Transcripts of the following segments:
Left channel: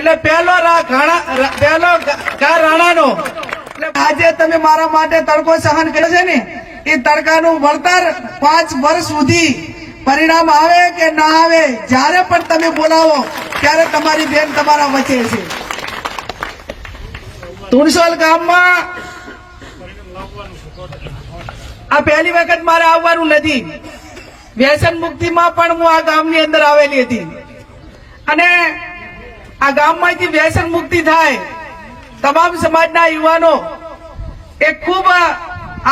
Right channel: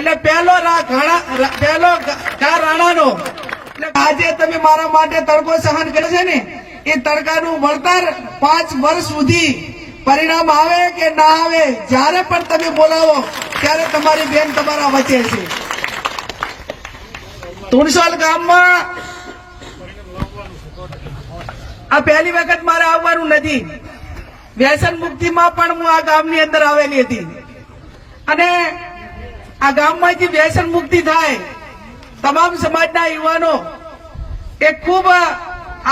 એટલે પહેલો પહેલો ઘા રાણાનો. આજે તમે મારા માટે તડકો સહન કર્યો છે ને એ તડકાનું વળતર પાંચ વર્ષ સુધી પરિણામ આવે કે ના આવે જ્યારે પણ તમે બોલાવો ત્યારે તમારી બેન તમારા વચ્ચે છે. તુણસોલ ગામમાં આ પહેલી વખત મારે આવવાનું નથી. વ્યસન મુક્તિમાં પણ હું આ ગામની અંદર આવેલી હતી. અને આ ગામમાંથી વ્યસન મુક્તિ થાય. તમામ સમાજના યુવાનો એ ખૂબ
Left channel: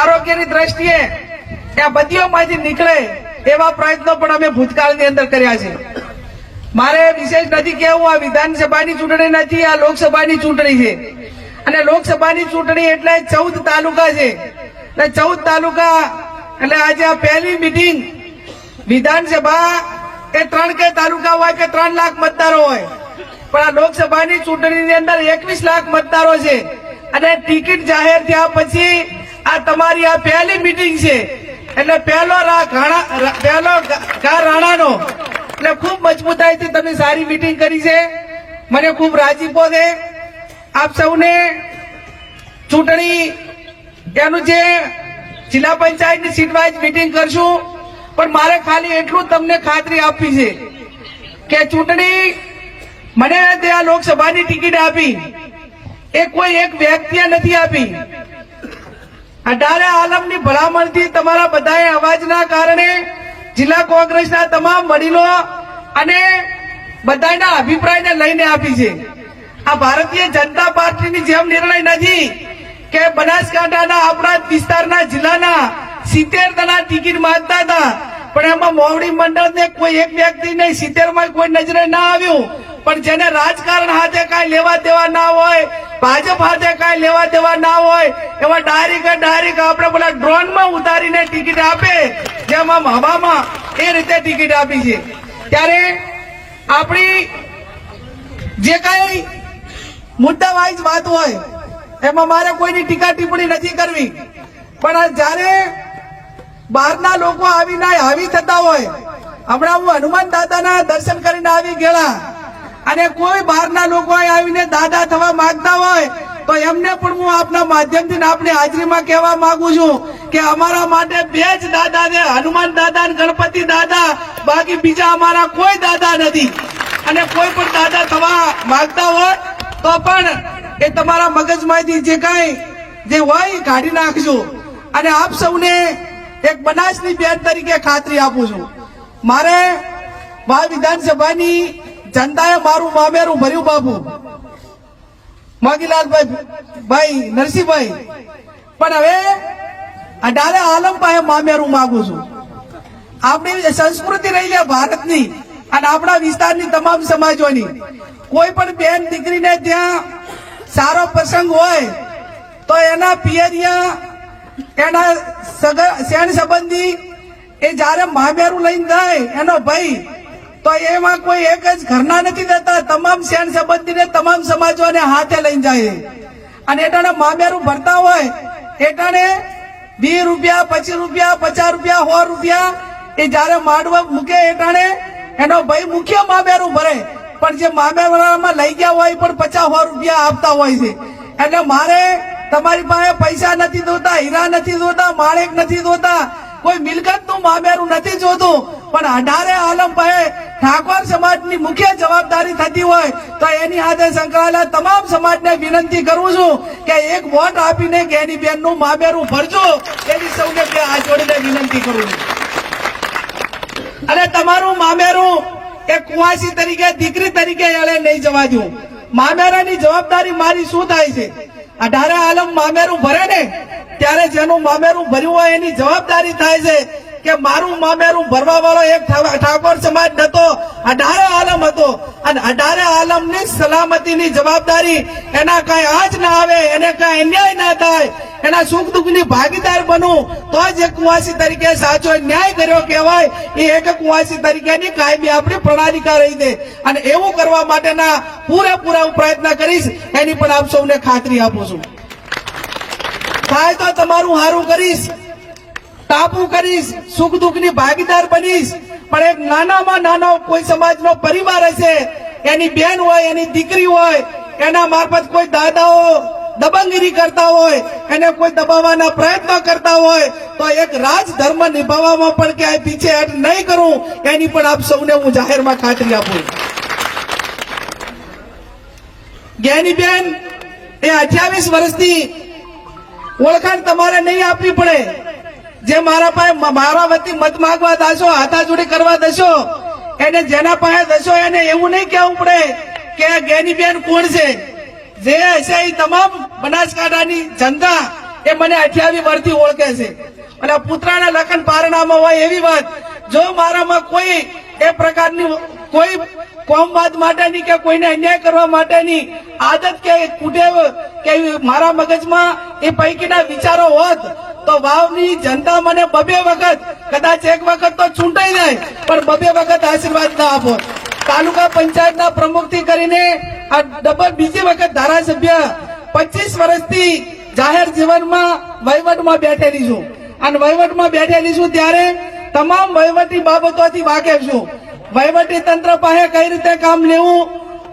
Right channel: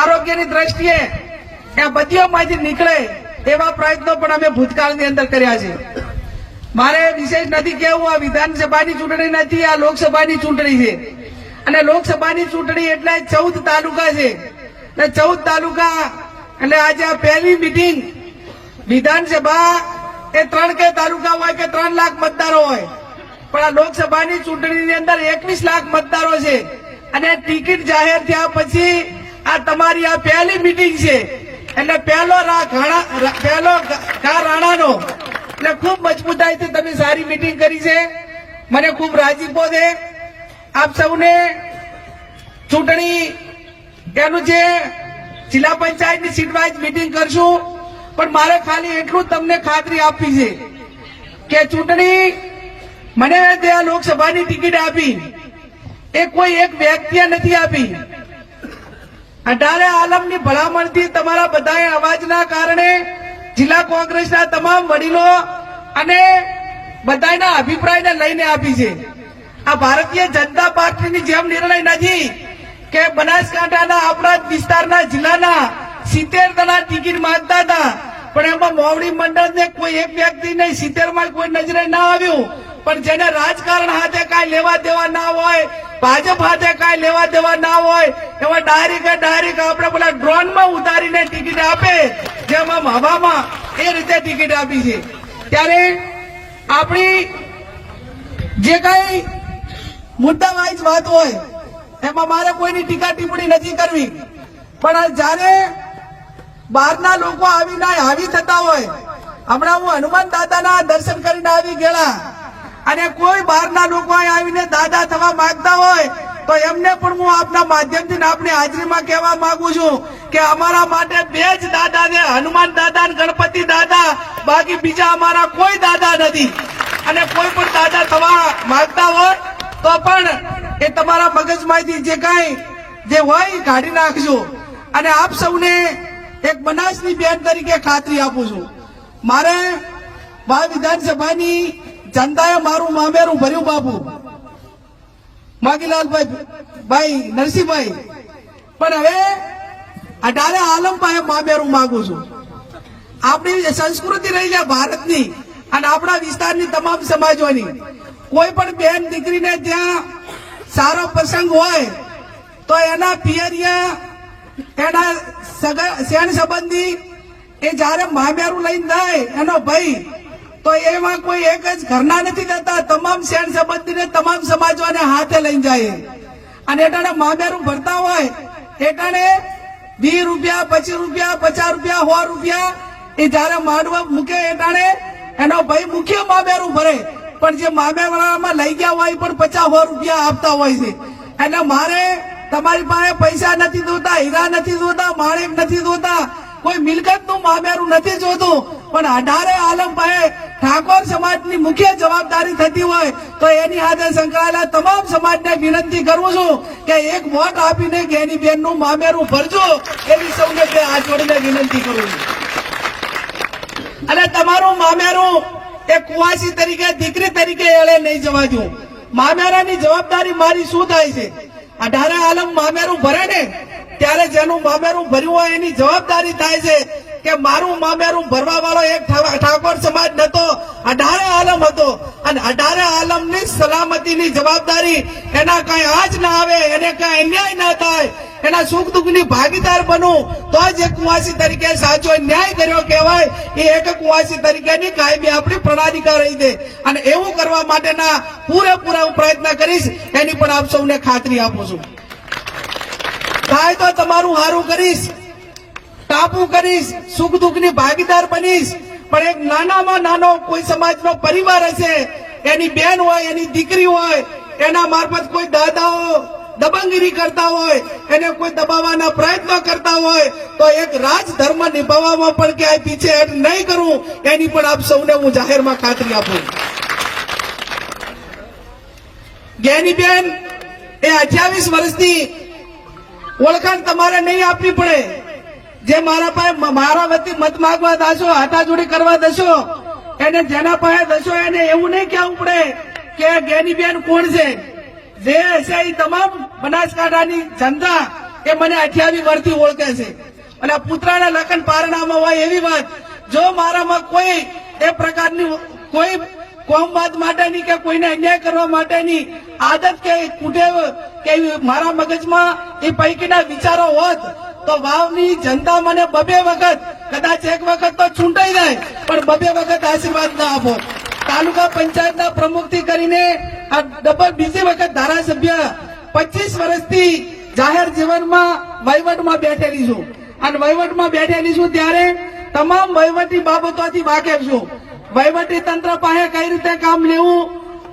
આરોગ્યની દ્રષ્ટિએ આ બત્તીઓમાંથી નીકળે એવા પ્રયત્નો પણ અમે ભૂતકાળની અંદર કર્યા છે. મારે વિશેષ નથી કહેવું, આ વિધાનસભાની ચૂંટણી નથી, આ લોકસભાની ચૂંટણી છે. અને લોકસભાની ચૂંટણી એટલે ચૌદ તાલુકા છે. એટલે ચૌદ તાલુકા, એટલે આજે આ પહેલી મિટિંગ વિધાનસભા એ ત્રણ કે તાલુકા હોય કે ત્રણ લાખ મતદારો હોય. પણ આ લોકસભાની ચૂંટણીની અંદર એકવીસ લાખ મતદારો છે. અને ટિકિટ જાહેર થયા પછી આ તમારી આ પહેલી મિટિંગ છે. એટલે પહેલો પહેલો ઘા રાણાનો. એટલે ખૂબ મજબૂતાઈથી તમે સારી મિટિંગ કરી છે. મને ખૂબ રાજીપો છે આપ સૌને ચૂંટણી એનું જે જિલ્લા પંચાયતની સીટ વાઇઝ મિટિંગ કરશું. પણ મારે ખાલી એટલું તમને ખાતરી આપવી છે કે ચૂંટણી મને ત્યાં લોકસભાની ટિકિટ આપી. એ કોઈ એક વ્યક્તિએ નથી આપી. અઢારે આલમની ભલામણથી તમારા બધાએ અવાજના કારણે જિલ્લા કોંગ્રેસના તમામ વડીલો અને બધાના અભિપ્રાયને લઈને આપી છે. આ ભારતીય જનતા પાર્ટીની જેમ નિર્ણય નથી કે બનાસકાંઠાના આપણા વિસ્તારના જિલ્લાના સિત્તેર જણા ટિકિટ માંગતા હતા. પણ એમાં મોવડી મંડળને કોઈ એક વ્યક્તિ નહીં સિત્તેરમાં કોઈ નજરે ના આવ્યું. પણ જેને રાજકારણ હાથે કાંઈ લેવા દેવા ના હોય, ભાજપ હાથે કાંઈ લેવા દેવા ના હોય, એવા ડાયરેક્ટ ડાયરેક્ટ આપણે પેલા ડ્રોનમાં ઉતારીને ટિકિટ આપે, જેમ આમ હવામાં એ રીતે ટિકિટ આપી છે. ત્યારે આપણી જે કઈ મુદ્દા વાઇઝ વાત હોય, એમાં મારે કોઈની ટીકા ટિપ્પણી નથી કરવી. પણ જ્યારે બહારના લોકો આવીને હાવી થતા હોય, હમણાં હું હનુમાન દાદાના દર્શન કરીને આવી ગયેલા. અને કોઈ બહારના લોકો આવીને દાદા થવા માંગતા હોય, તો એમને પણ હું આપના માધ્યમથી આપની હાજરીમાં કહેવા માંગુ છું કે અમારા માટે બે જ દાદા છે, હનુમાન દાદા ગણપતિ દાદા. બાકી બીજા અમારા કોઈ દાદા નથી. અને કોઈ પણ દાદા થવા માંગતા હોય, તો પણ એ તમારા મગજમાંથી જે કાંઈ, જે હોય કાઢી નાખજો. અને આપ સૌને એક બનાસની બેન તરીકે ખાતરી આપું છું. મારે મહા વિધાનસભાની જનતાએ મારું મામેરું ભર્યું બાપુ. મોતીલાલભાઈ ભાઈ, નરસિંહભાઈ. પણ હવે અઢારે આલમ પાસે મામેરું માગું છું. આપણી સંસ્કૃતિ રહી છે ભારતની અને આપણા વિસ્તારની તમામ સમાજોની. કોઈ પણ બેન દીકરીને ત્યાં સારો પ્રસંગ હોય, તો એના પિયરિયા, એના સગા શેણ સંબંધી એ જ્યારે મામેરું લઈને જાય એનો ભાઈ તો એમાં કોઈ એક જ ઘરના નથી દેતા તમામ શેણ સંબંધીને તમામ સમાજોને હાથે લઈને જાય. અને એટાણે મામેરું ભરતા હોય, એટાણે વીસ રૂપિયા, પચીસ રૂપિયા, પચાસ રૂપિયા, સો રૂપિયા એ જયારે માડવા મૂકે એટાણે, એનો ભાઈ મુખ્ય મામેરું ભરે. પણ જે મામેરામાં લઈ ગયા હોય પણ પચાસ, સો રૂપિયા આપતા હોય છે. એટલે મારે તમારી પાસે પૈસા નથી જોતા, હીરા નથી જોતા, માણેક નથી જોતા, કોઈ મિલકતનું મામેરું નથી જોતું પણ અઢારે આલમ પાસે ઠાકોર સમાજની મુખ્ય જવાબદારી થતી હોય તો એની આદે સંકળાયેલા તમામ સમાજને વિનંતી કરું છું કે એક વોટ આપીને ગેની બેનનું મામેરું ભરજો એવી સૌને આ વિનંતી કરું અને તમારું મામેરું એક કુવાસી તરીકે, દીકરી તરીકે એળે નહીં જવા દઉં. મામેરાની જવાબદારી મારી શું થાય છે? અઢારે આલમ મામેરું ભરે ને, ત્યારે જેનું મામેરું ભર્યું હોય એની જવાબદારી થાય છે કે મારું મામેરું ભરવા વાળો એક ઠાકોર સમાજ નતો. અઢારે આલમ હતો. અને અઢારે આલમની સલામતીની જવાબદારી એના કઈ આજ ના આવે, એને કઈ અન્યાય ના થાય, એના સુખ દુઃખની ભાગીદાર બનવું તો જ એક કુવાસી તરીકે સાચો ન્યાય કર્યો કહેવાય. એ એક કુવાસી તરીકેની કાયમી આપણી પ્રણાલિકા રહી દે અને એવું કરવા માટેના પૂરેપૂરા પ્રયત્ન કરીશ. એની પણ આપ સૌને ખાતરી આપું છું. થાય તો તમારું સારું કરીશ. ટાપુ કરીશ, સુખ દુઃખની ભાગીદાર બનીશ. પણ એક નાનામાં નાનો કોઈ સમાજનો પરિવાર હશે, એની બેન હોય, એની દીકરી હોય, એના મારફત કોઈ દાદાઓ દબંગગીરી કરતા હોય, એને કોઈ દબાવવાના પ્રયત્નો કરતા હોય, તો એક રાજ ધર્મ નિભાવવામાં પણ ક્યાંય પીછેહટ નહીં કરું, એની પણ આપ સૌને હું જાહેરમાં ખાતરી આપું. જ્ઞાનીબેન એ અઠ્યાવીસ વર્ષથી ઓળખાણ તમારે નહીં આપવી પડે. જે મારા પાસે મારા વતી મત માગવા દાશો, હાથાજુડી કરવા દેશો, એને જેના પાસે દેશો એને એવું નહીં કહેવું પડે કે ગેની બેન કોણ છે. જે હશે એ તમામ બનાસકાંઠાની જનતા એ મને અઠ્યાવી વર્ષથી ઓળખે છે. અને પુત્રના લખન પારણામાં હોય એવી વાત, જો મારામાં કોઈ એ પ્રકારની કોઈ કોમવાદ માટેની કે કોઈને અન્યાય કરવા માટેની આદત કે કુટે કે મારા મગજમાં એ પૈકીના વિચારો હોત, તો વાવની જનતા મને બબે વખત, કદાચ એક વખત તો છૂંટાઈ જાય, પણ બબે વખત આશીર્વાદ ના આપો. તાલુકા પંચાયતના પ્રમુખથી કરીને આ ડબલ બીજી વખત ધારાસભ્ય પચીસ વર્ષથી જાહેર જીવનમાં વહીવટમાં બેઠેલી છું. અને વહીવટમાં બેઠેલી છું ત્યારે તમામ વહીવટી બાબતોથી વાકેફ છું. વહીવટી તંત્ર પાસે કઈ રીતે કામ લેવું?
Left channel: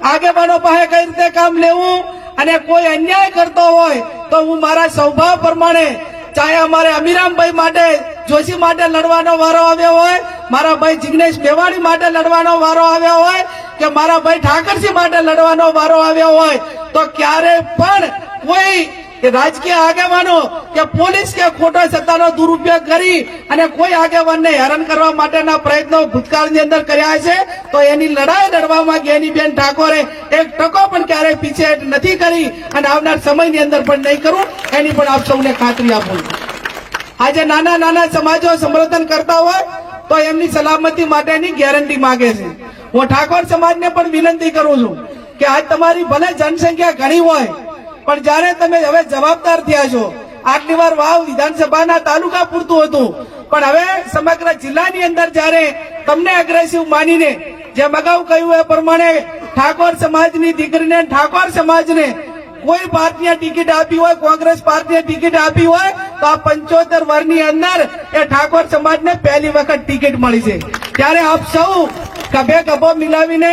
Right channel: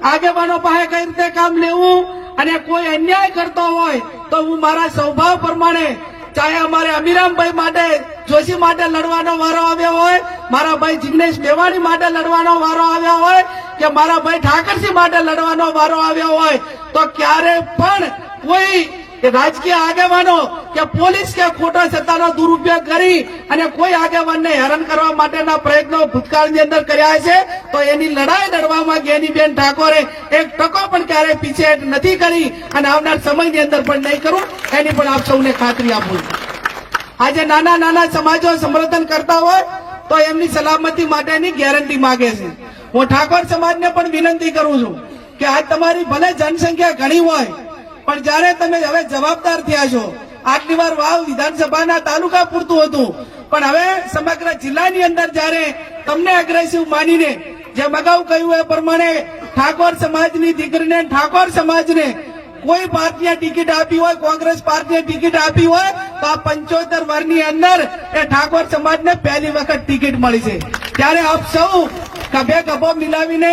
આગેવાનો પાસે કઈ રીતે કામ લેવું? અને કોઈ અન્યાય કરતો હોય તો હું મારા સ્વભાવ પ્રમાણે ચાહે અમારે અમીરામભાઈ માટે જોશી માટે લડવાનો વારો આવ્યો હોય, મારા ભાઈ જિગ્નેશ મેવાણી માટે લડવાનો વારો આવ્યો હોય, કે મારા ભાઈ ઠાકરસિંહ માટે લડવાનો વારો આવ્યો હોય, તો ક્યારે પણ કોઈ એ રાજકીય આગેવાનો કે પોલીસ કે ખોટા સત્તાનો દુરુપયોગ કરી અને કોઈ આગેવાનને હેરાન કરવા માટેના પ્રયત્નો ભૂતકાળની અંદર કર્યા છે, તો એની લડાઈ લડવામાં ગેનીબેન ઠાકોરે એક ટકો પણ ક્યારેય પીછેહટ નથી કરી અને આવનાર સમયની અંદર પણ નહીં કરું, એની પણ આપ સૌને ખાતરી આપું આજે નાના નાના સમાજો સમર્થન કરતા હોય, તો એમની સલામતી માટેની ગેરંટી માંગે છે. હું ઠાકોર સમાજને પણ વિનંતી કરું છું કે આ તમારી ભલે જનસંખ્યા ઘણી હોય પણ જ્યારે તમે હવે જવાબદાર થયા છો. આટલી વાર વાવ વિધાનસભાના તાલુકા પૂરતું હતું. પણ હવે સમગ્ર જિલ્લાની અંદર જ્યારે તમને અગ્રેસિવ માનીને જેમ અગાઉ કહ્યું એ પ્રમાણે ઠાકોર સમાજની દીકરીને ઠાકોર સમાજને કોઈ પાર્ટીએ ટિકિટ આપી હોય, કોંગ્રેસ પાર્ટીએ ટિકિટ આપી હોય, તો આ પંચોતેર વર્ષની અંદર એ ઠાકોર સમાજને પહેલી વખત ટિકિટ મળી છે. ત્યારે આપ સૌ કભે કભો મિલાવીને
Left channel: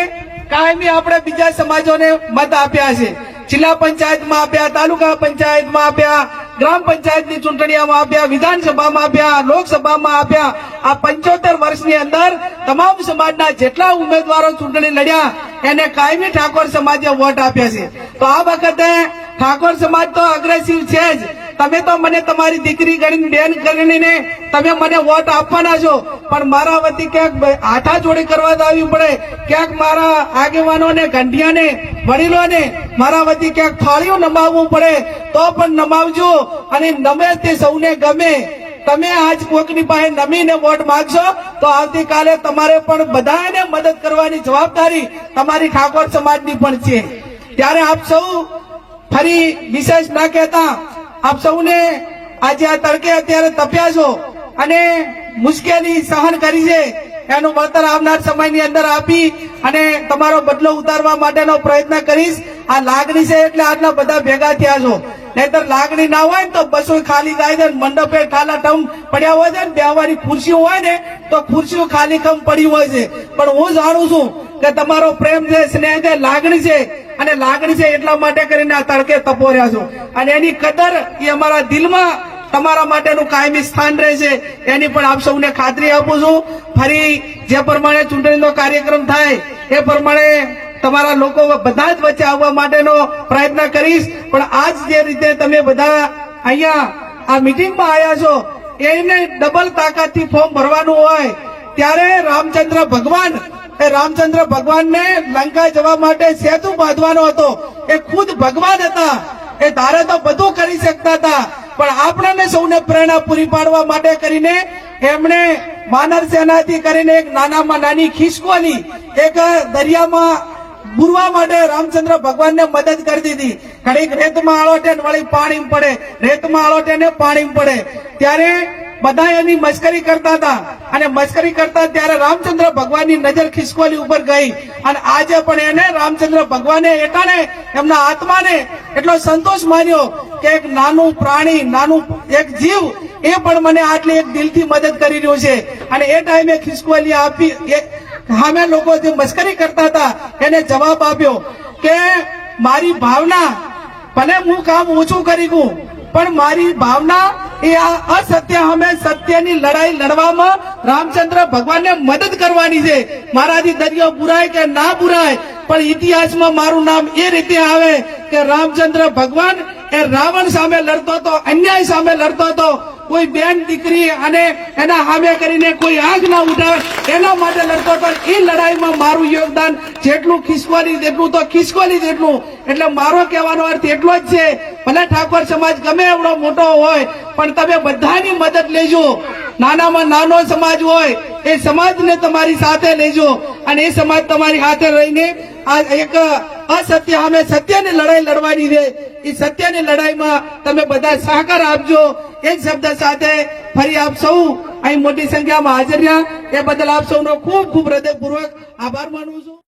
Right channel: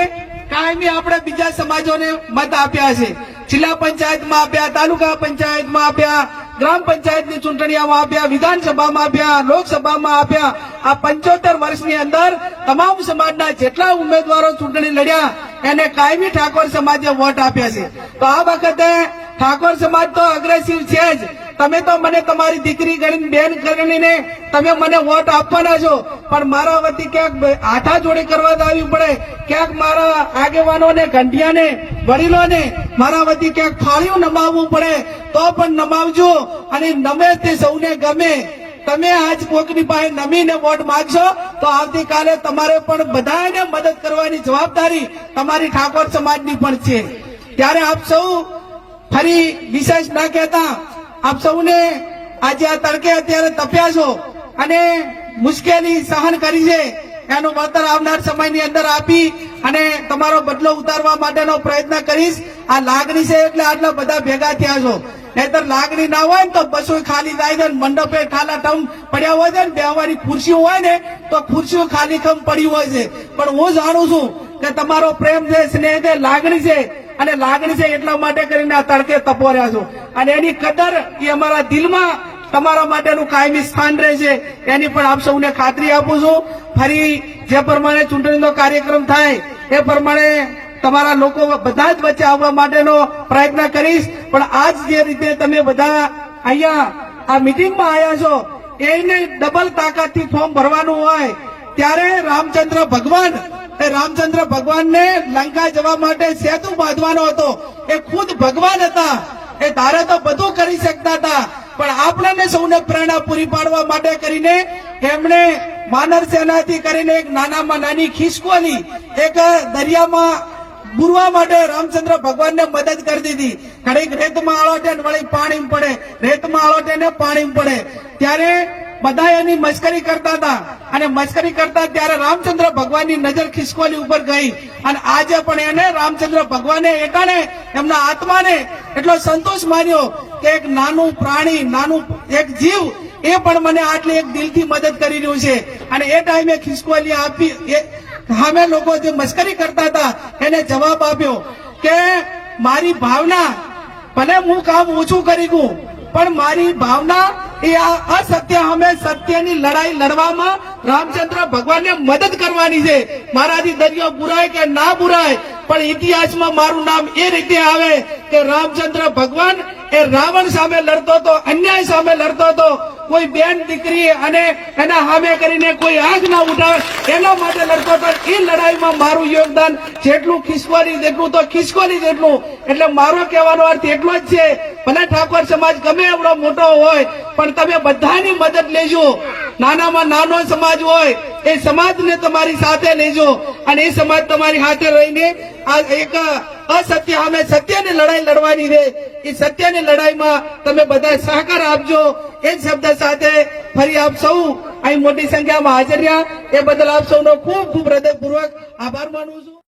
કાયમી આપણે બીજા સમાજોને મત આપ્યા છે. જિલ્લા પંચાયતમાં આપ્યા તાલુકા પંચાયતમાં આપ્યા ગ્રામ પંચાયતની ચૂંટણીઓમાં આપ્યા, વિધાનસભામાં આપ્યા, લોકસભામાં આપ્યા. આ પંચોતેર વર્ષની અંદર તમામ સમાજના જેટલા ઉમેદવારો ચૂંટણી લડ્યા, એને કાયમી ઠાકોર સમાજે વોટ આપ્યા છે. તો આ વખતે ઠાકોર સમાજ તો અગ્રેસિવ છે જ. તમે તો મને તમારી દીકરી ગણીને બેન ગણીને તમે મને વોટ આપવાના છો. પણ મારા વતી ક્યાંક હાથા જોડે કરવા આવવી પડે. ક્યાંક મારા આગેવાનોને, ગંઢિયાને, વડીલોને મારા વતી ક્યાંક ફાળિયું નમાવવું પડે, તો પણ નમાવજો. અને નમે તે સૌને ગમે. તમે આજ કોકની પાસે નમીને વોટ માંગશો, તો આવતીકાલે તમારે પણ બધાને મદદ કરવાની જવાબદારી તમારી ઠાકોર સમાજની પણ છે. ત્યારે આપ સૌ ફરી વિશેષ ના કહેતા આપ સૌને આજે આ તડકે અત્યારે તપ્યા છો અને મુશ્કેલી સહન કરી છે. એનું વળતર આવનાર સમયની અંદર આપી અને તમારો બદલો ઉતારવા માટેનો પ્રયત્ન કરીશ. આ લાગણી છે એટલે આટલા બધા ભેગા થયા છો. નહીતર લાગણી ના હોય ને તો બસો ખાલી થાય છે મંડપે ખાલા ટમ પડ્યા હોય છે ને બેવાની ખુરશીઓ હોય ને તો ખુરશીઓ ખાલી કમ પડી હોય છે. પણ હું જાણું છું કે તમારો પ્રેમ છે, સ્નેહ છે, લાગણી છે. અને લાગણી છે એટલા માટે કરીને આ તડકે તપો રહ્યા છો. અને એની કદર એ અમારા દિલમાં તમારા માટેનું કાયમી સ્થાન રહેશે એની પણ આપ સૌને ખાતરી આપું છું. ફરી જે પ્રમાણે ચૂંટણીનો કાર્યક્રમ થાય, એ પ્રમાણે તમારા લોકો બધા જ વચ્ચે આવવા માટેનો પ્રયત્ન કરીશ. પણ આજ જે રીતે તમે બધા અહીંયા આ મિટિંગમાં આવ્યા છો, એને ડબલ તાકાતથી ફોર્મ ભરવાનું હોય, ત્યારે રામચંદ્ર ભગવાન એ રામચંદ્ર ભગવાનને લંકા જવા માટે સેતુ બાંધવાનો હતો. એ ખુદ ભગવાન હતા. એ ધારે તો બધું કરી શકતા હતા. પણ આપણને સૌને પ્રેરણા પૂરી પાડવા માટે કરીને એમણે માનર સેનાથી કરીને એક નાનામાં નાની ખિસકોની એક દરિયામાં બુરવા માટે રામચંદ્ર ભગવાનને મદદ કરી દીધી. ઘડીક રેતમાં આળોટે વળી પાણી પડે. રેતમાં આળોટે પાણી પડે. ત્યારે બધા એની મસ્કરી કરતા હતા. અને મસ્કરી કરતા ત્યારે રામચંદ્ર ભગવાનની નજર ખિસકોલી ઉપર ગઈ. અને આજે પણ એને રામચંદ્ર ભગવાને એટાણે એમના આત્માને એટલો સંતોષ માન્યો કે એક નાનું પ્રાણી, નાનું એક જીવ એ પણ મને આટલી એક દિલથી મદદ કરી રહ્યું છે. અને એ ટાઈમે ખિસકોલી આપી સામે લોકો જે મસ્કરી કરતા હતા, એને જવાબ આપ્યો કે મારી ભાવના ભલે હું કામ ઓછું કરી દઉં પણ મારી ભાવના એ આ અસત્ય અમે સત્યની લડાઈ લડવામાં રામચંદ્ર ભગવાનને મદદ કરવાની છે. મારાથી દરિયો બુરાય કે ના બુરાય, પણ ઇતિહાસમાં મારું નામ એ રીતે આવે કે રામચંદ્ર ભગવાન એ રાવણ સામે લડતો હતો, અન્યાય સામે લડતો હતો. કોઈ બેન દીકરી અને એના સામે કરીને કોઈ આગ ન ઉઠાવે, એના માટે લડતો હતો એ લડાઈમાં મારું યોગદાન જેટલું ખિસકોલી જેટલું તો ખિસકોલી જેટલું. એટલે મારો કહેવાનો અર્થ એટલો જ છે, ભલે ઠાકોર સમાજ ગમે એવડો મોટો હોય, પણ તમે બધાની મદદ લેજો. નાનામાં નાનો સમાજ હોય, એ સમાજને તમારી સાથે લેજો. અને એ સમાજ તમારી સાથે રહીને એક અસત્ય અમે સત્યની લડાઈ લડવાની છે. એ સત્યની લડાઈમાં તમે બધા સહકાર આપજો. એ શબ્દ સાથે ફરી આપ સૌ અહીં મોટી સંખ્યામાં હાજર રહ્યા. એ બદલ આપ સૌનો ખૂબ ખૂબ હૃદયપૂર્વક આભાર માનું છું.